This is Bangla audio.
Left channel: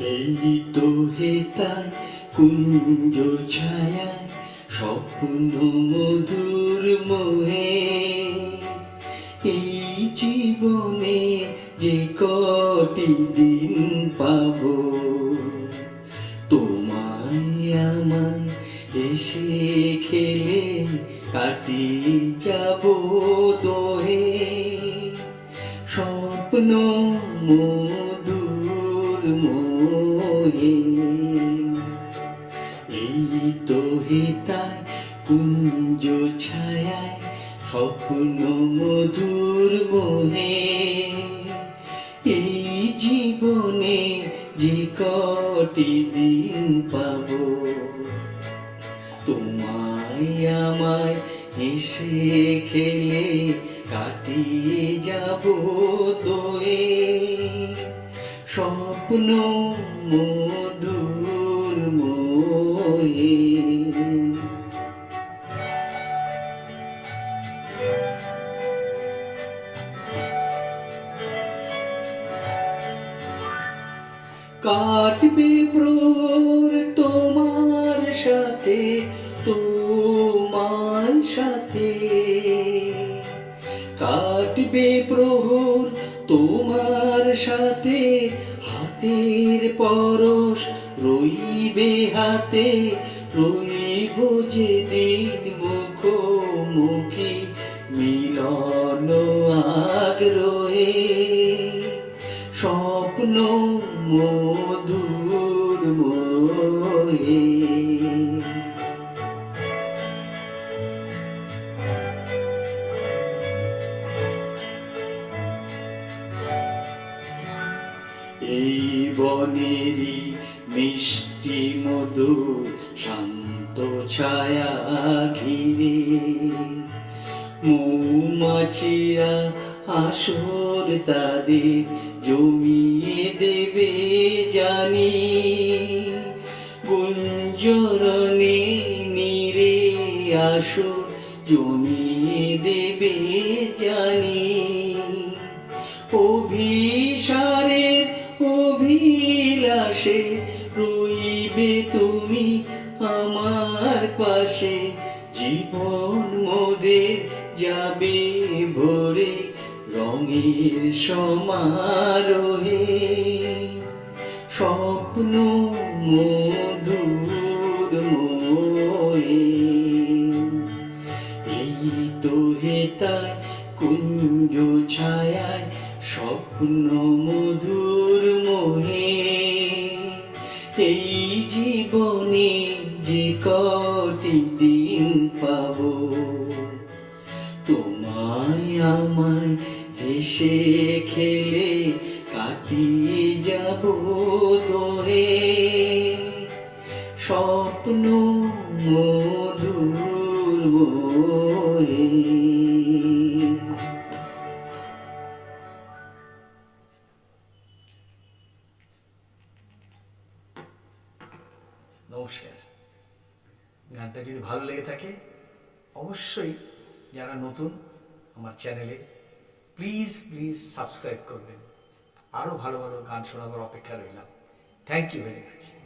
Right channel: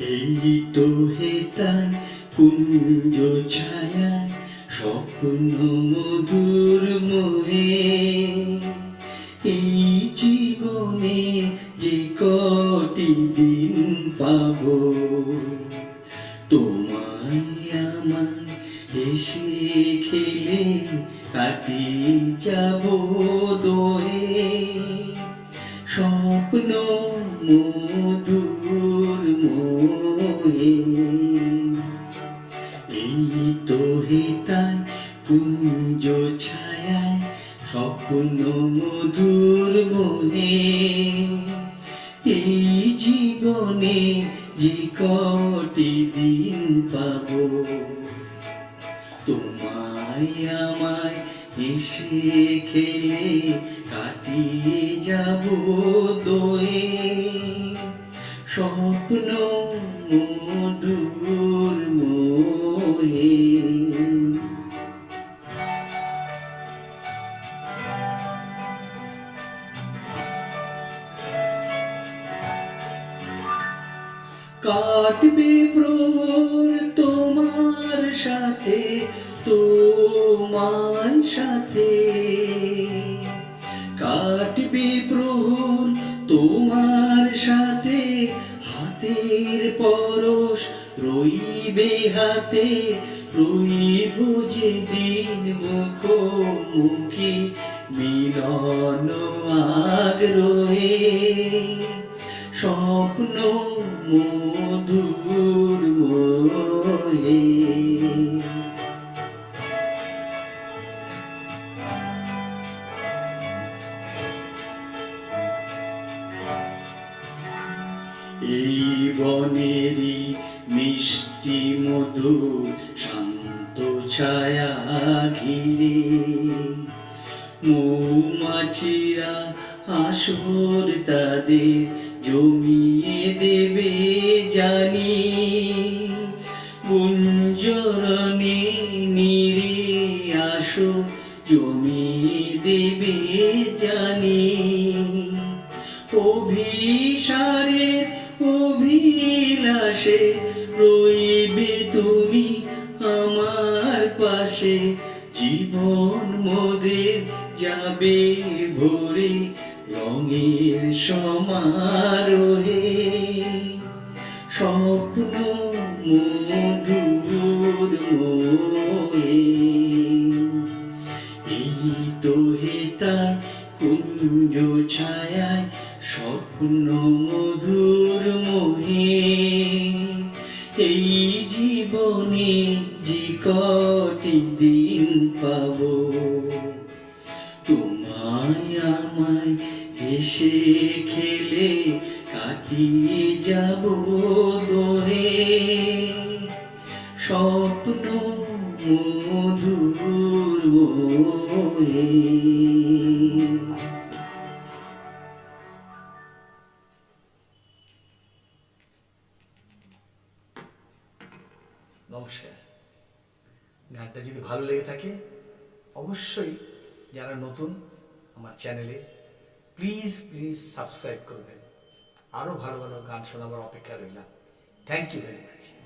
এই তো হে তাই কুঞ্জ ছায়ায় স্বপ্ন মধুর মোহে। এই জীবনে যে কটি দিন পাবো, তোমায় আমায় হেসে খেলে কাটিয়ে যাব। দোহে এই তো কুঞ্জ ছায়ায়, স্বপ্ন মধুর মোহে এই জীবনে যে দিন পাবো, তোমায় আমায় হেসে খেলে কাটিয়ে যাব। কাটবে প্রহর তোমার সাথে তোমার সাথে। কাটবে প্রহর তোমার সাথে, হাতের পরশ রইবে হাতে। রইব যে দিন মুখোমুখি, মিলন আগ্রহে। স্বপ্ন মধুর মোহে এই বনেরই মিষ্টি মধুর শান্ত ছায়া ঘিরে। মৌমাছিরা আসর তাদের জমিয়ে দেবে জানি, গুঞ্জরণে নীরে আসর জমিয়ে দেবে জানি। অভিসারের অভিলাষে রইবে তুমি আমার পাশে, জীবন মোদের যাবে রঙের সমারোহে স্বপ্ন মধুর মোহে। এই তো হে তাই কুঞ্জ ছায়ায় স্বপ্ন মধুর মোহে। এই জীবনে যে কটি দিন পাবো যাব দোহে স্বপ্ন মধুর নমস্কার। গানটা যদি ভালো লেগে থাকে, অবশ্যই যারা নতুন আমার চ্যানেলে প্লিজ প্লিজ সাবস্ক্রাইব করবেন। আরও ভালো ভালো গান শোনাবার অপেক্ষা রইলাম। Thank you very much